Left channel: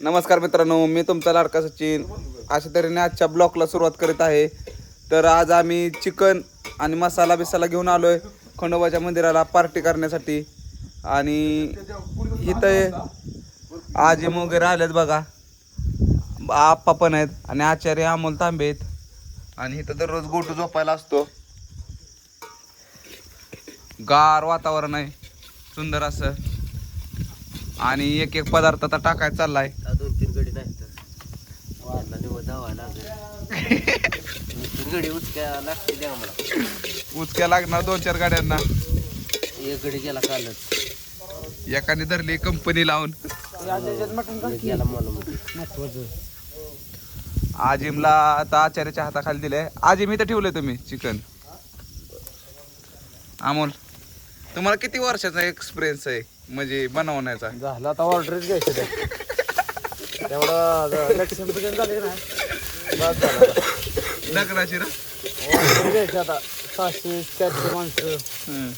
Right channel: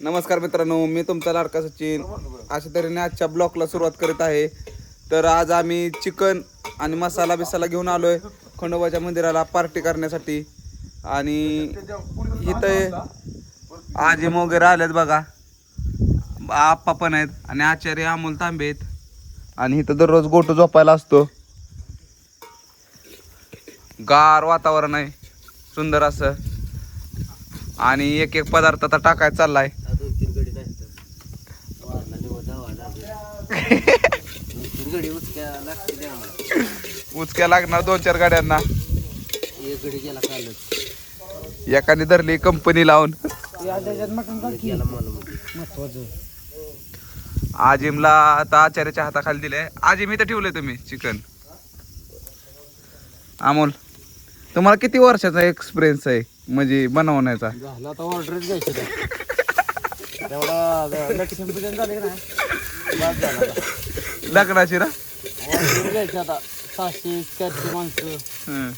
नमस्कार मित्रांनो, मी तुमचा लाडका सचिन. अशा तऱ्हेने आजच्या ब्लॉगला सुरुवात करीत आहे. तर आज आम्ही चिकन आणि मसाला बिसाला घेऊन आलोय खंडोबाच्या मंदिराला पार्टी करण्यासाठी. आणि इथं आजी वगैरे आल्यात बघा, आप्पा पण आहेत आणि आचार्य अमोल तांबे आहेत. आणि इथं दररोज गोटू झोपायला असतो. गार वातावरण आहे सुंदर असं. आणि एक एक पदार्थ आता टाकायचा चाललाय. 2-3 गडी नाही तर वाढला निवड धावा लागेल. 2-3 गडी उचक्या लागतील आम्हाला. उचक्या लागणार 2-4 गाड्यांना. एक गडी गेला कालच, एकाने धरली कंपनी लावून. गेला महत्वाचं. आजिमला आता आचार्याच्या हाताखाली दिले. आजिम इथं ठेवलंय तुम्ही चिकन. अमोल, तुम्हाला किती वर्षाचा एक्सपिरियन्स आहे म्हणजे बनवण्याचा? झालं आता ऑर्डरच घ्यायचं ते. तेवढा एक्सपिरियन्स झाले की नाही बाद झाला. लग्नाची ना ऑर्डर घ्यायचं आता 600-400 माणसं.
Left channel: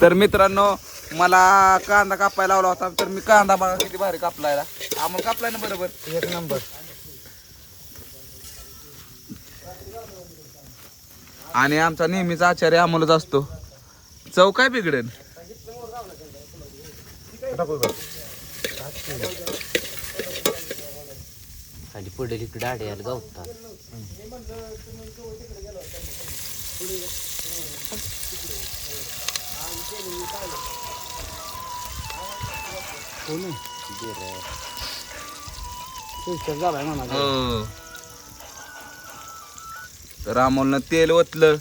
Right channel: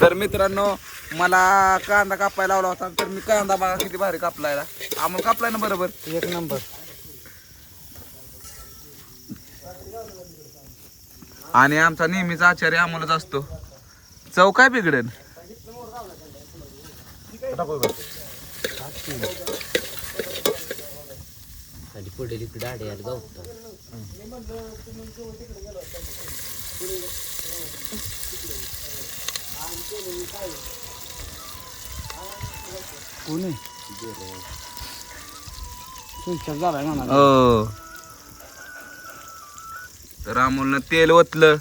तर मित्रांनो, मला कांदा कापायला लावला होता. तर मी कांदा बघा किती भारी कापलाय. अमोल कापलाय ना बरोबर, एक नंबर. आणि आमचा नेहमीचा आचार्य अमोलच असतो. चव काय बिघडेल. खाली पडेल इकडे आड्याला गावतात. हो. तर अमोलनं तेल ओतलं.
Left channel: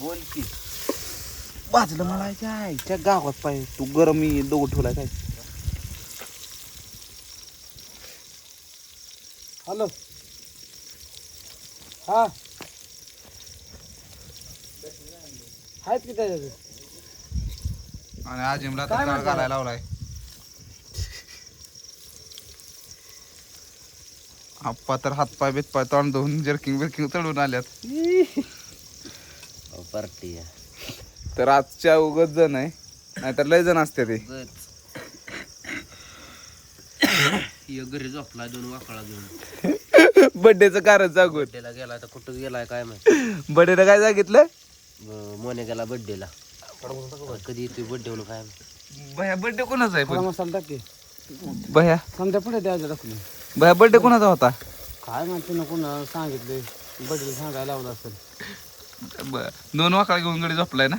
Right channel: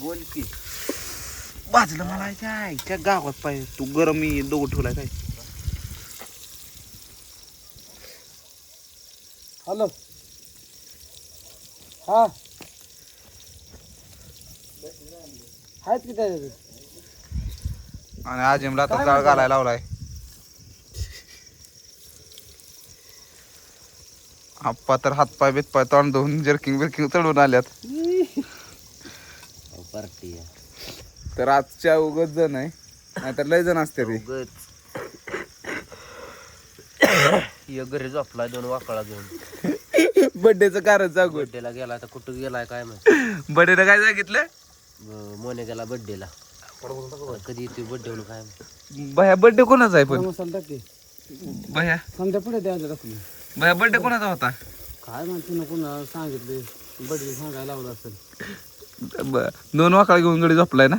बोल की भाजलं मला त्या गावात पाहिजे. तू गरम मी दोघं ठेवलाय काय. हॅलो. हा आहेत की त्याच्यात. आणि आजिमला तर जाळ घालायला लावलाय. आप्पा तर हातपाय बितपाय तोंड धुवून जर्किंग बिर्किंग चढून आल्यात. पार्टी तर आजच्या उगच जण आहे, नाहीतर लय जण असते ते. घरी झोपला 2 वाकळा घेऊन. बर्थडेचं कारण सांगून. बड्डेला गेला तर कुठं गेलाय काय माहिती. बर्थडेला काय सांगितलं? मोने गेला बड्डेला. कधी येतोय बड्डे म्हणून काय माहिती. भया बर्थडे कोणाचा आहे पण? मसाला टाके भया समजा पुढे द्यायचं टाकून. भया बर्थडे कोणाचा होता? काय माहिती ना कोणा सांगितले बड्डेला सांगायला लावलं असेल. 2 वाकळा घेऊन गडी झोपलाय ना.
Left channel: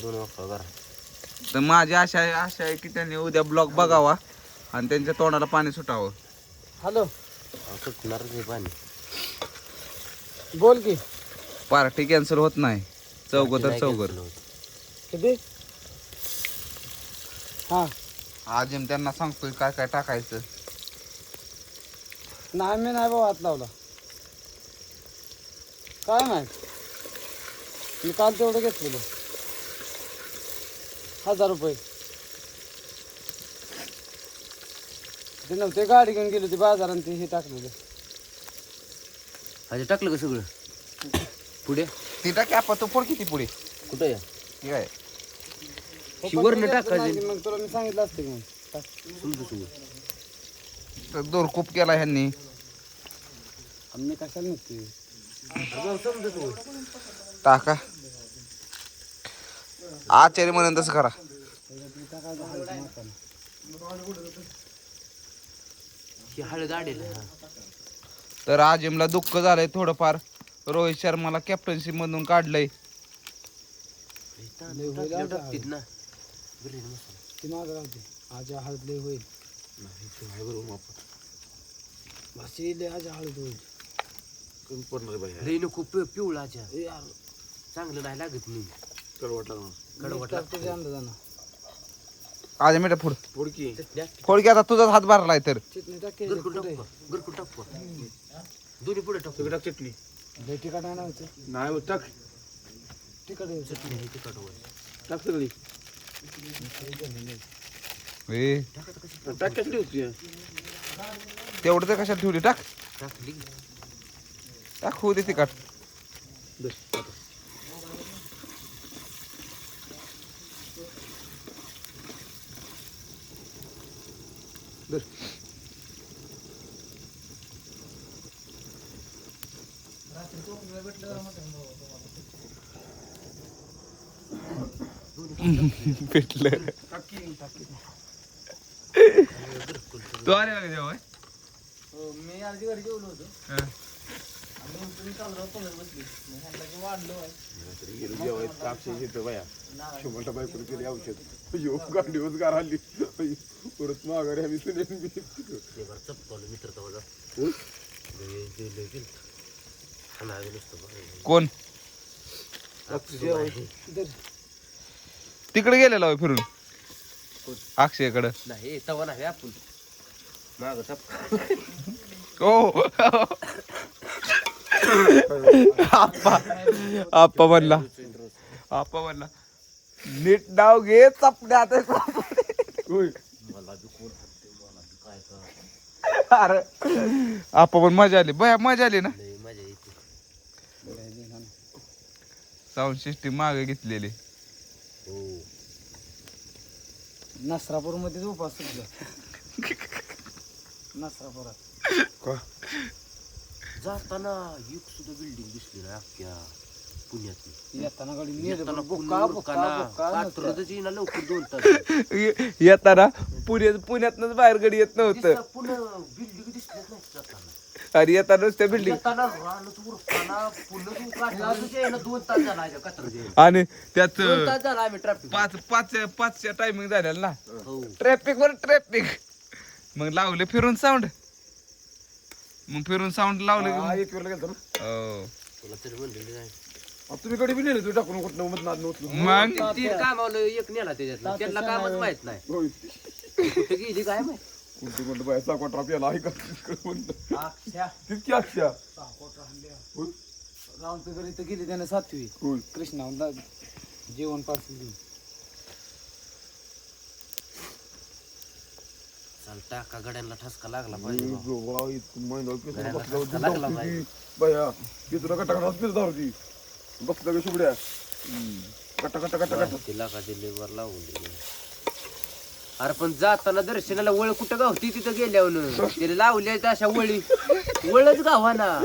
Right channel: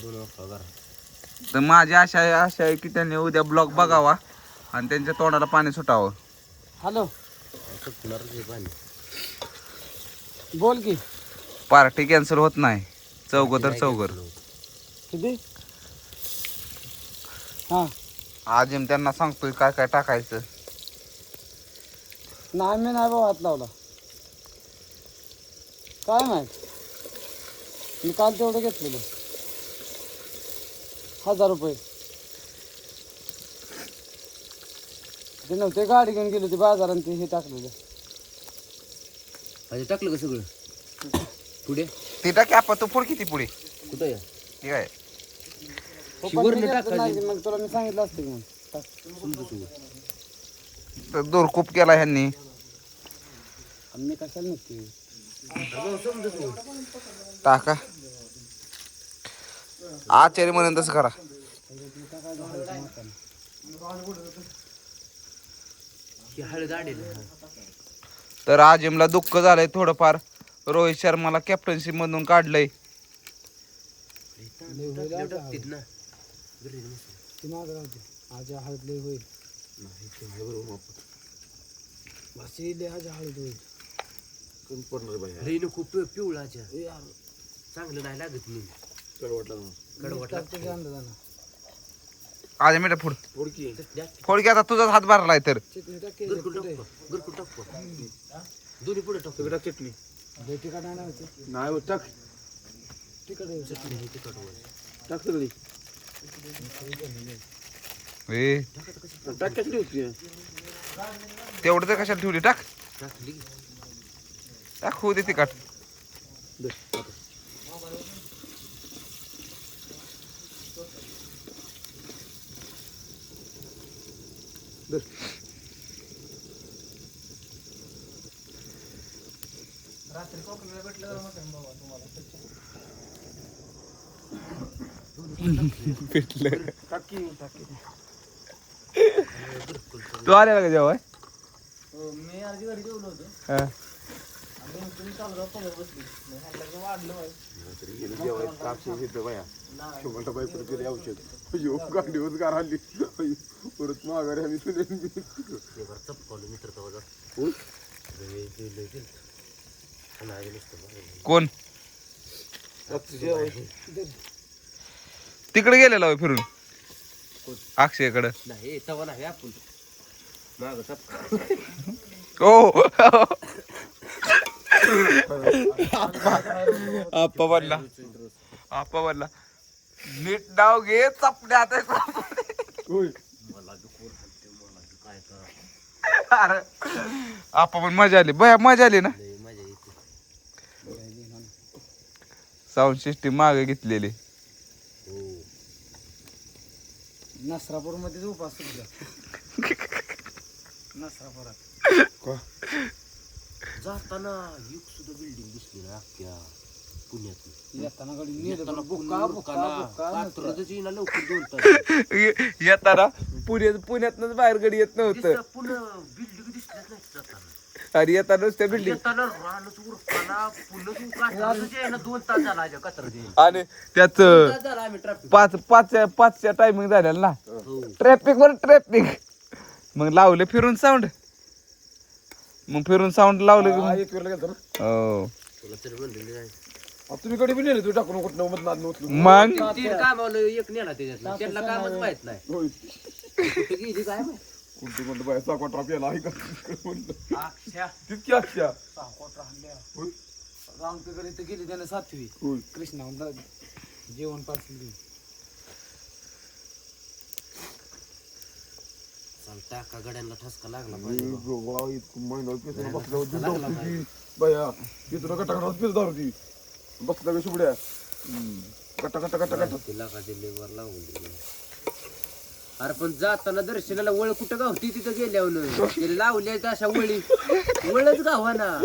2 वाकळा. तर माझी आशा आहे की त्यांनी उद्या ब्लॉग बघावा आणि त्यांच्या तोंडाला पाणी सुटावं. हॅलो. पाणी बोल की. पार्टी कॅन्सल होत नाही. चौघ तर चौघर. किती? हा आजिम त्यांना सांगतोय काय काय टाकायचं. नाही मी नाही बाबा हात लावला. काय माहित, मी काल तेवढं घेतलेलं 1000 रुपये. ते नव्हते गाडी घेऊन गेली होती बाजारात. ते हे टाकलेलं. अरे टाकलं का सगळं पुढे? ती टाकी आपण तू पुढे किती पुढे कुठे ठीक आहे. शिवरनं टाकायचं. मग तुला मी सांगितलं असतं की मग तर दोर खूप केला ह्यांनी. आम्ही कशाला नसते टाका. आचार्य म्हणून तसं करा. हळद आडेल. तर आजिमला दुःख झालंय थोडंफार. रोहित शर्माला कॅप्टन्सी मधून काढलंय. हळद लय होईल. हळद होईल. खूप पिवळा चांगलं नाही लागत. मी आज मीठ फुड फोड की. आता तुझाच हात भरलाय तर दोन्ही पुढे टाक. चटणी तिखट नाही टाक. तिखट चटणी तिखट टाक सगळी. टाक कसली होती तेवढं तर कशाला ठेवली. टाक टाकली. टाक होऊ दे तिखट. भेटलं तू आलेला का जेव्हा मी आधी घरी जेवलो होतो हा. परत माघारी आम्ही चपकावलं मित्र तेव्हा कोण तिकडे गेलेला होय फिरून अक्षयकडं नाही तवा नाही आपण माग चपका ओ आप्पा म्हणला नीट नाव घे चपण्यात अरे आप्पा पण मजा आली बया मजा आली ना लय मजा येते साऊंड सिस्टीम मागे घेतलेली हो नसरापूर मध्ये उपास सुद्धा नसरापुरात जाताना एक सुद्धा बिल्डिंग दिसली ना अख्ख्या पुण्यात येताना गाडी येताना बुक्का पात्रतच येईना लवकर 2 तास येताना पुण्यातनच बाहेर गडी येत नव्हतं पुन्हा बिल्डिंग दिसल्याच नाही जाताना आणि येताना नुसत्या बिल्डिंग येताना रानच उरकाना पुन्हा कात्रजच यायला 2 तास झाला आजा कात्रज आणि त्यात 2 तास झाला आम्ही ट्रॅफिक पाचच्या टायमिंग झालेला ना हो ट्रॅफिक मग लावले फिरून साऊंड लावलं की मग हो तुला तरी म्हणलेली नाही तुम्ही कडे बी नेले तू टाकून कुठं मत नाद नव्हती मग 3 कामावलं एक नेला त्याच्यातला त्यांना कामच माहित नाही होय कुठे गेली काय माहित कोणतं म्हणलं बाय साखर ट्राप याला ऐका म्हणलं तितकी अक्षा होय रामच्या घरी तर गेली त्याने 7वी होय कृष्णा जेवण पार्सल चल टाका गड्यांना ठसका लागला पाहिजे बाया तिथं कटा दारू ती बसला ग शुबड्या कटा कटा कटा कटा तिला का दिल्लीवर लावून दिली अरे पण जाताना दर्शनाला वळ कुठं गावती तिथं गेल्यावर त्याला लावल्या अशा वळच गावाना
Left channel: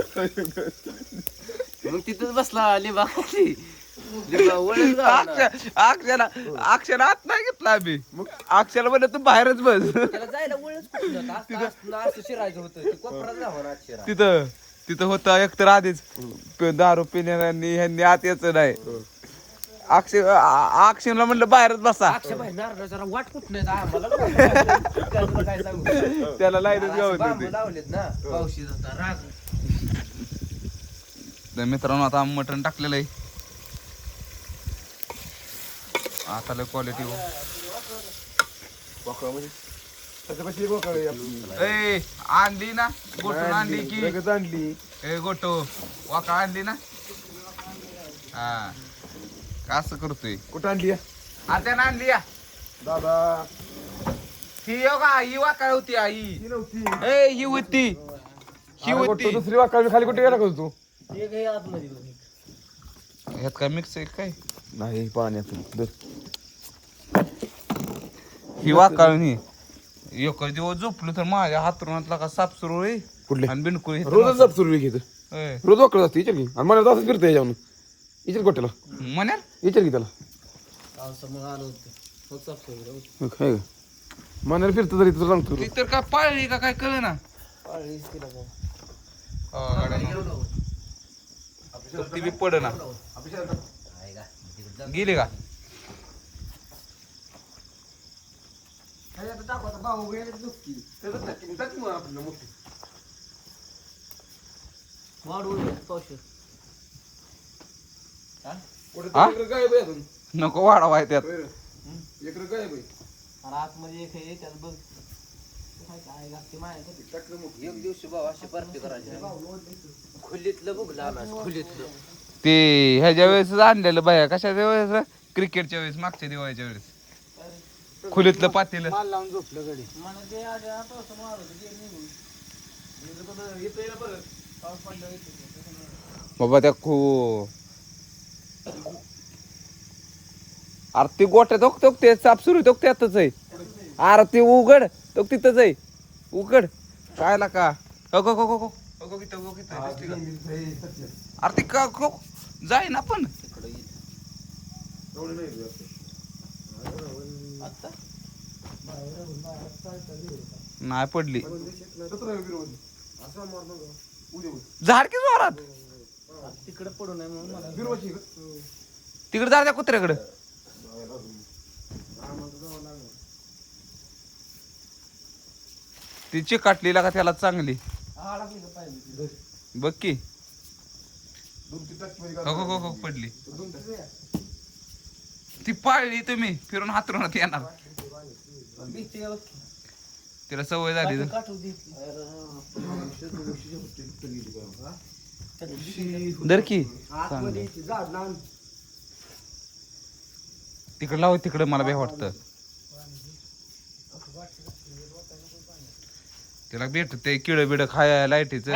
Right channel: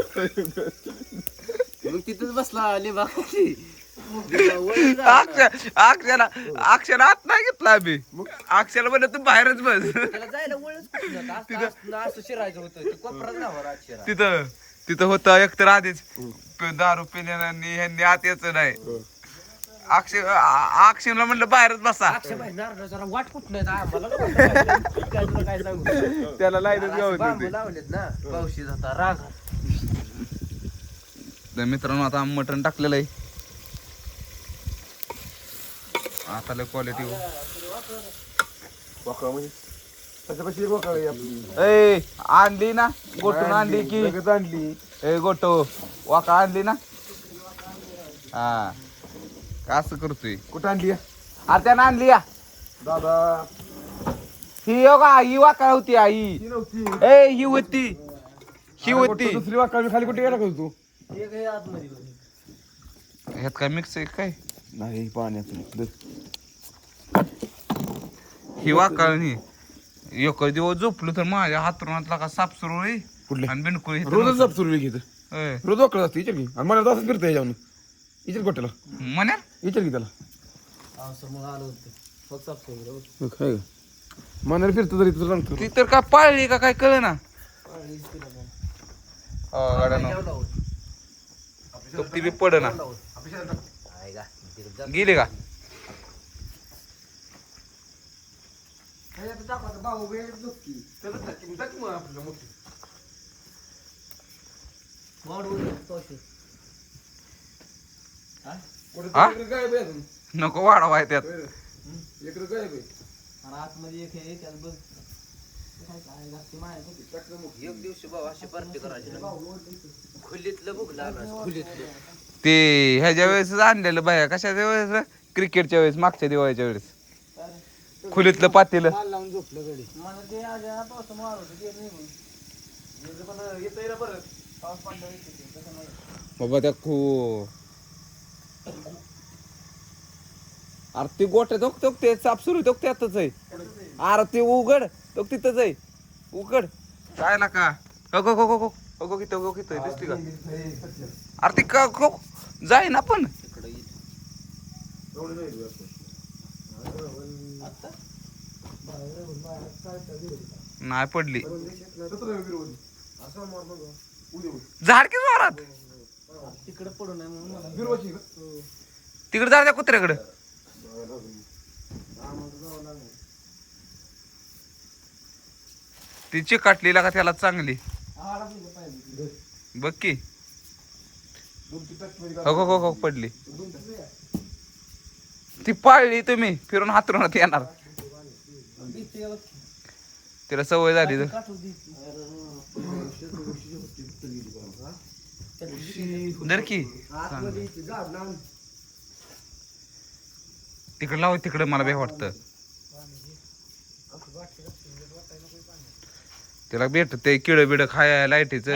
मग तिथंच बसला लिंबा वळच गावाना अक्षर आत नाही घेतला आम्ही अक्षरला म्हणलं तू बाहेरच बस त्याला जायला वळच कुठं असं शिरायचं होतं ते कोपरात गावावर अक्षरा तिथं होता एकतर आधीच दारू पिण्यानी ह्यांनी आत यायचं नाही अक्षरला म्हणलं बाहेरच बसा जरा वाट कुठ नाही आम्हाला काय सांगू त्याला लाईनच गावत होती लावलेत ना पावशी जाता राग तर मित्रांनो आता मटण टाकलेलं आहे आता लय क्वालिटी हो वाकडा म्हणजे त्याच्यापाशी एक वाकडा आहे आपली. ए आणली ना गोटून आणली की लगेच आणली ए गोटो वाका आणली ना हा असं करतोय कुठं आणली अरे त्यानं आणली या दादा ही हो का ही वाका होती आई ती नव्हती ए ही होती दुसरी वाकडा खाली कुठे गेला का तू एक आहे आतमध्ये ह्यात काय मिक्स आहे काय नाही पाण्यात ही वाकाळणी एक दिवस झोपलो तर माझ्या हातरुणातला का साप सुरू होई कुठले आणि बिनकुळ रोजच जाप सुरू घेते होय रोज वाकडा असते विचार की आणि मला तसंच फिरते याच्यावर विचार गोट्याला म्हणे विचार की त्याला मग आलो होतो मग काय मनाला फिरतं तरी तुला सांगतो ती तर काय पाळली का काय कळ ना ती बी पड ना गेली का हा? नको वाढवाय त्यात आतमध्ये एक आहे त्यात बघ एक दिवशी बाबा अशी पार्टी करायची खुलीतलं बघ लहान खुलीतलं ते ह्याच्या वेळेस आणलेलं बाया कशाच्या वेळेस क्रिकेटच्या वेळेस मागच्या दिवाळीच्या वेळेस खुलीतलं पातेलं माल लावून झोपलं गडी बाबा त्या अरे ती गोट्या तो ते साप सुरू तो त्यातच आहे अरे ते उघड तो तिथंच आहे उघड पाहायला का अगो गो गो गो अगो किती अगो किती दिसते का? अरे ती का जाय ना पण एवढं नाही असं. नाही पडली सतरा विरोधी. असं मार नका. उद्या होईल. झाड की जोरात तिकडे पडू नये म्हणून मला बिरवाची का? तिकडे जा त्या कुत्र्याकडे ती चिकाटलीला का त्याला चांगली बघ की 2-3 टाकी मध्ये हो हो हो पडली ती पाळली तुम्ही फिरून हातरुणात येणार तिला सवय झाली तर. दर की तिकडे लाव तिकडे मला बे वाटतं तिला भेट ते किड बिड खाय लाईटीच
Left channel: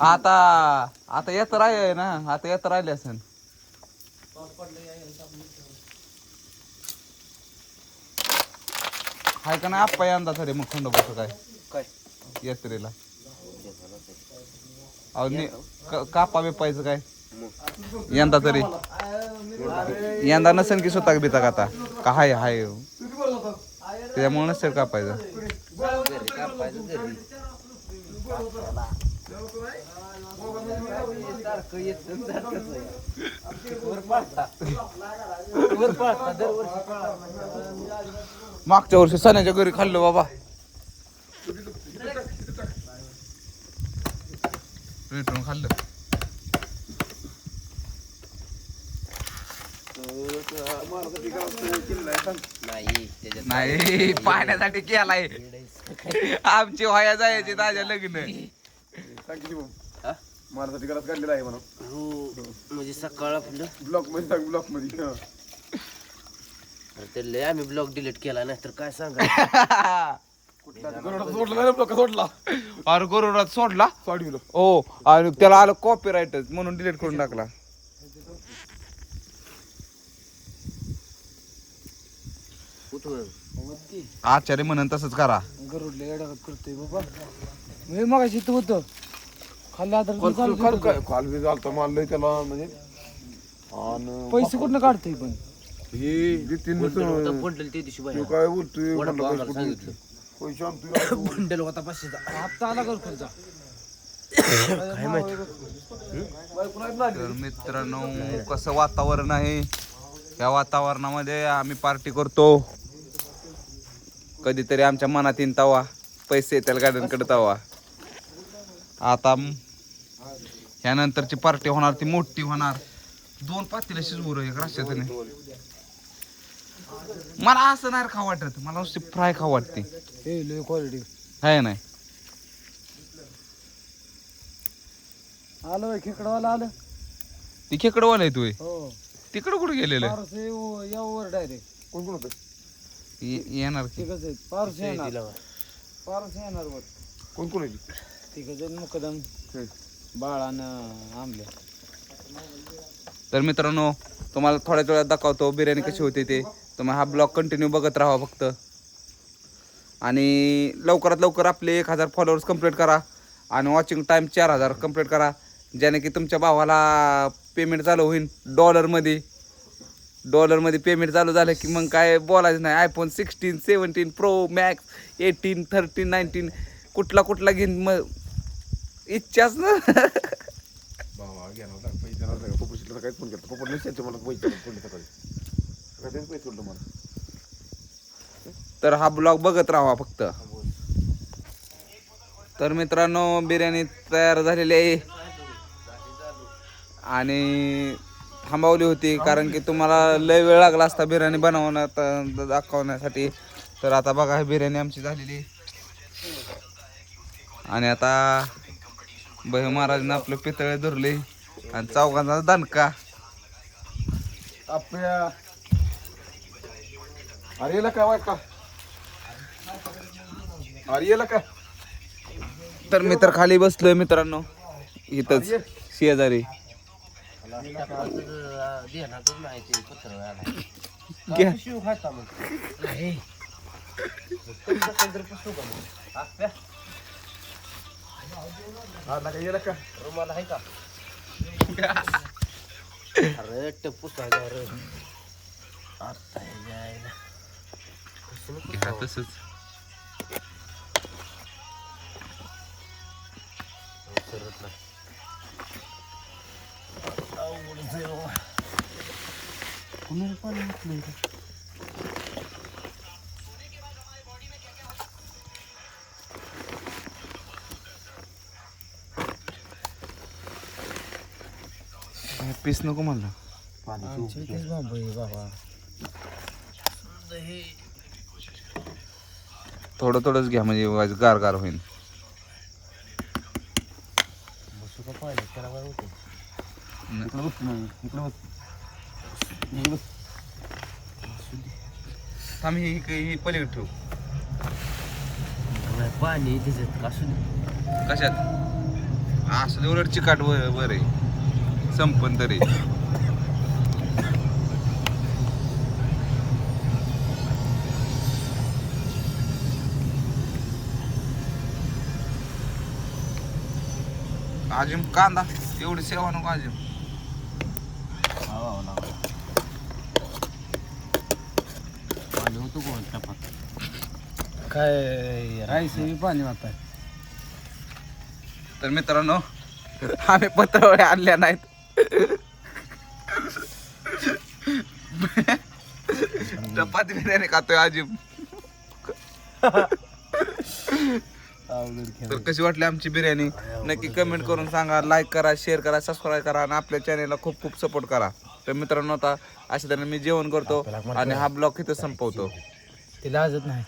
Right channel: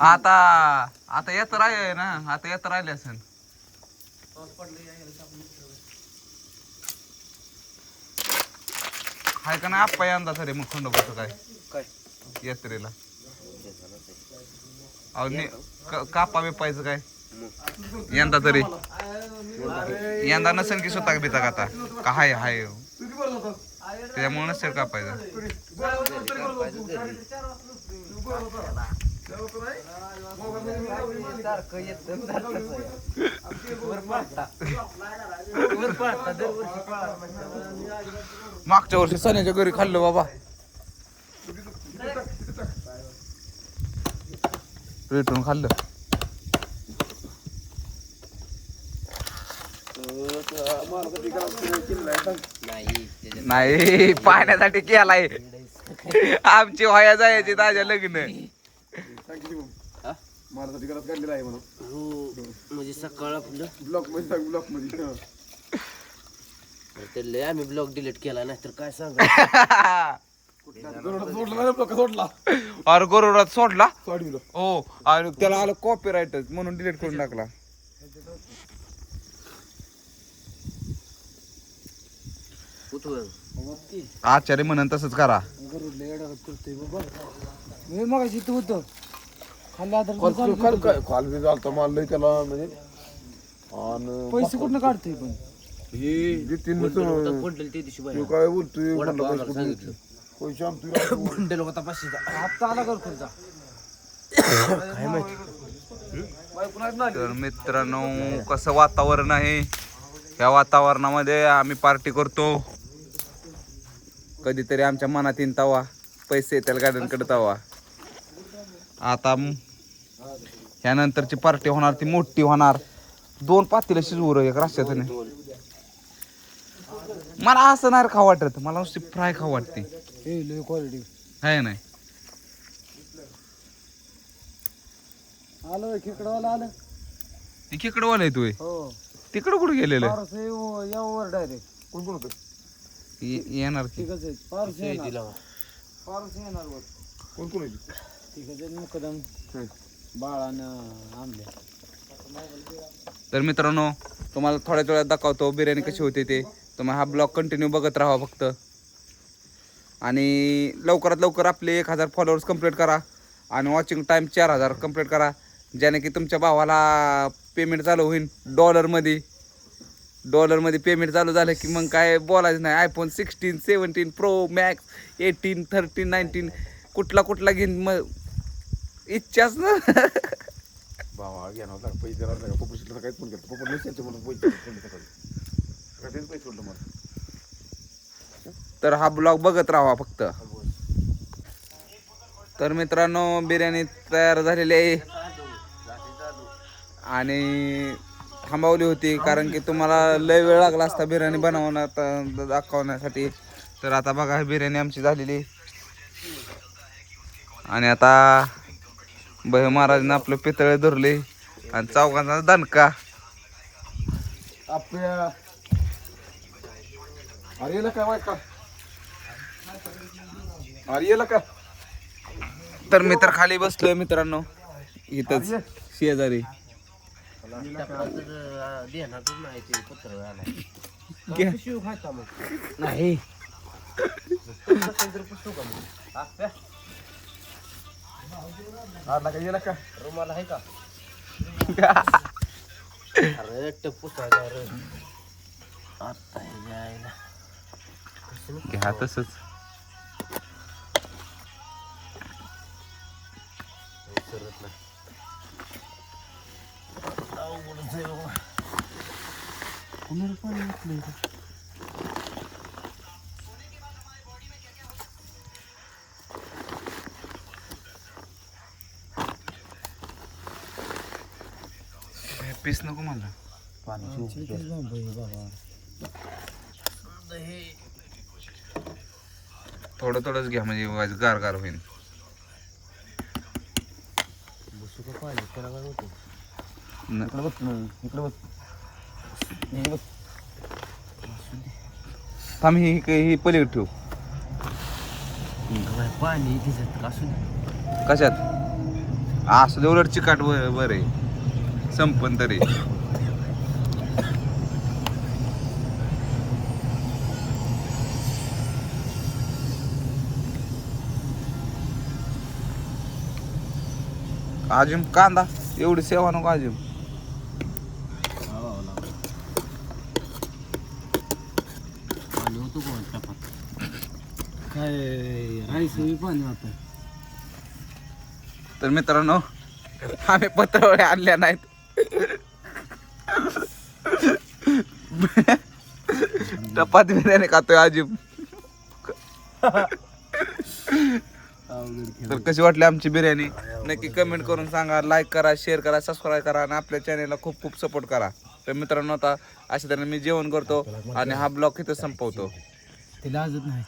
आता आता येत राहिले ना आता येत राहिले असेल हाय का नाही आप्पा यंदा तरी मग खंडोबाचं काय काय यात्रेला अहो कापा बिपायचं काय यंदा तरी यंदा नसेल की स्वतः बिता का आता का हाय हाय त्याच्यामुळे नसेल कापायचं मागच्या वर्षी सणाच्या घरी खाल्लं बाबा भेटून खाल्लं नाही पाहण्यासाठी केलाय आमची व्हाया जायची ताज्या लग्न माझ्यासाठी घरात काढलेला आहे म्हणून हो म्हणजे सकाळ आपलं ब्लॉक मध्ये सांग ब्लॉक मध्ये हा. त्याला आम्ही ब्लॉग डिलीट केला नाही तर काय सांगा गरुडात सोडला नाही ब्लॉक सोडला अरे गरुडात सोडला सोडविलं हो आणि त्याला आलं कॉपीराईट म्हणून डिलीट करून टाकला आचार्य म्हणून तसंच करा गरुडला येडागत करतोय बाबा मी मगाशी इथं होतो खाल्ला तर काल बी झालता मारलंय त्याला म्हणजे आणि पैसे कुठनं काढतोय पण हे तीन बंडल ते दिवशी तू काय बोलतोय वडापाव म्हणलं आम्हाला सांगितलं पैसे आणतोय बंडल होता 500चा हप्ता आला घरकुलचा काय माहिती तर मित्रांनो कसं वातावरण आहे या वातावरणामध्ये आम्ही पार्टी करतो कधीतरी आमच्या मनात येईन तवा पैसे येतील गार्डनकडे तवा आता ह्यानंतरची पार्टी होणार ती मोठी होणार 2 पातेलं शिजवू एक रस्त्यात मला असं नाही खाऊ वाटत मला नुसती फ्राय खाऊ वाटते हे लय क्वालिटी आहे नाही आलं खेकडवाला आलं ती खेकडवाला आहे तू हो तिकडं कुठे गेलेलं पारस यावर डायरेक्ट कोण होतं येणार की तिघच आहेत पारस येणार पारस येणार वर कोण कोण आहे तिघच आहेत मुकदम बाळानं आंबल्या तर मित्रांनो तुम्हाला थोड्याच वेळात दाखवतो बिर्याणी कशी होते ते तुम्ही हा ब्लॉग कंटिन्यू बघत राहा फक्त आणि लवकरात लवकर आपले 1000 फॉलोअर्स कंप्लीट करा आणि वॉचिंग टाईम 4000 कंप्लीट करा ज्याने की तुमच्या भावाला पेमेंट चालू होईल डॉलरमध्ये पेमेंट चालू झालं की मग काय बोलायचं नाही आयफोन 16 17 प्रो मॅक्स 18 13 19 कुठला घेईन मग इच्छाच ना बाबा घ्या ना पैसे देणार नाही पप्पा काहीच पण केलं पप्पा नसेल मला पैसे सकाळी पैसे सोडलं मला तर हा ब्लॉग बघत राहा फक्त तर मित्रांनो बिर्याणी तयार झालेली आहे आणि थांबवली होती कारण की तुम्हाला लय वेळ लागला असता बिर्याणी बनवण्यात दाखवण्यासाठी तर आता बघा बिर्याणी आमची झालेली आणि आता बहे महाराजने आपलं पितळे धरले आणि चौघांचा दणका आपल्या अरे याला काय वाट का अरे येला का तर मी तर खाली बसलोय मित्रांनो इथंच शेजारी घ्या. नाही हा नका येला का अरे टप्पू रे आता हे जायला घ्या तसंच सरत नाही अवघडच आहे बाबा. कुणाला पाणी घातलं इथं? पीस नको म्हणलं आमच्या इथेच बाबा आहे बाबा. थोडं थोडंच घ्या म्हणजे गार गार होईल बसू का पाणी त्याला काय होतं इकडे बस तू, इकडे बस इकडे बस. थांब ही पलीकडे ठेवू पाणी त्याच्यात असू दे कशात असं दे उलट चिकाट वर आहे संपन तरी अजून कांदा एवढी सेवा नको अजून पाणी होतं कोण टपात काय राईस पाणी वाटतं. तर मित्रांनो आम्ही पत्रावळ्या आणल्या नाहीत चपाती बिर्याणी खातोय अजिब तर कशी वाटली आमची बिर्याणी नक्की कमेंट करून सांगा लाईक करा शेअर करा सबस्क्राईब करा आणि आपल्या चॅनेलला खूप खूप सपोर्ट करा तर मित्रांनो आता अशा तऱ्हेने मी जेवण करतो आणि हा ब्लॉग इथं संपवतो ते लाजत नाही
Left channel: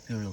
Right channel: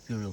पिळू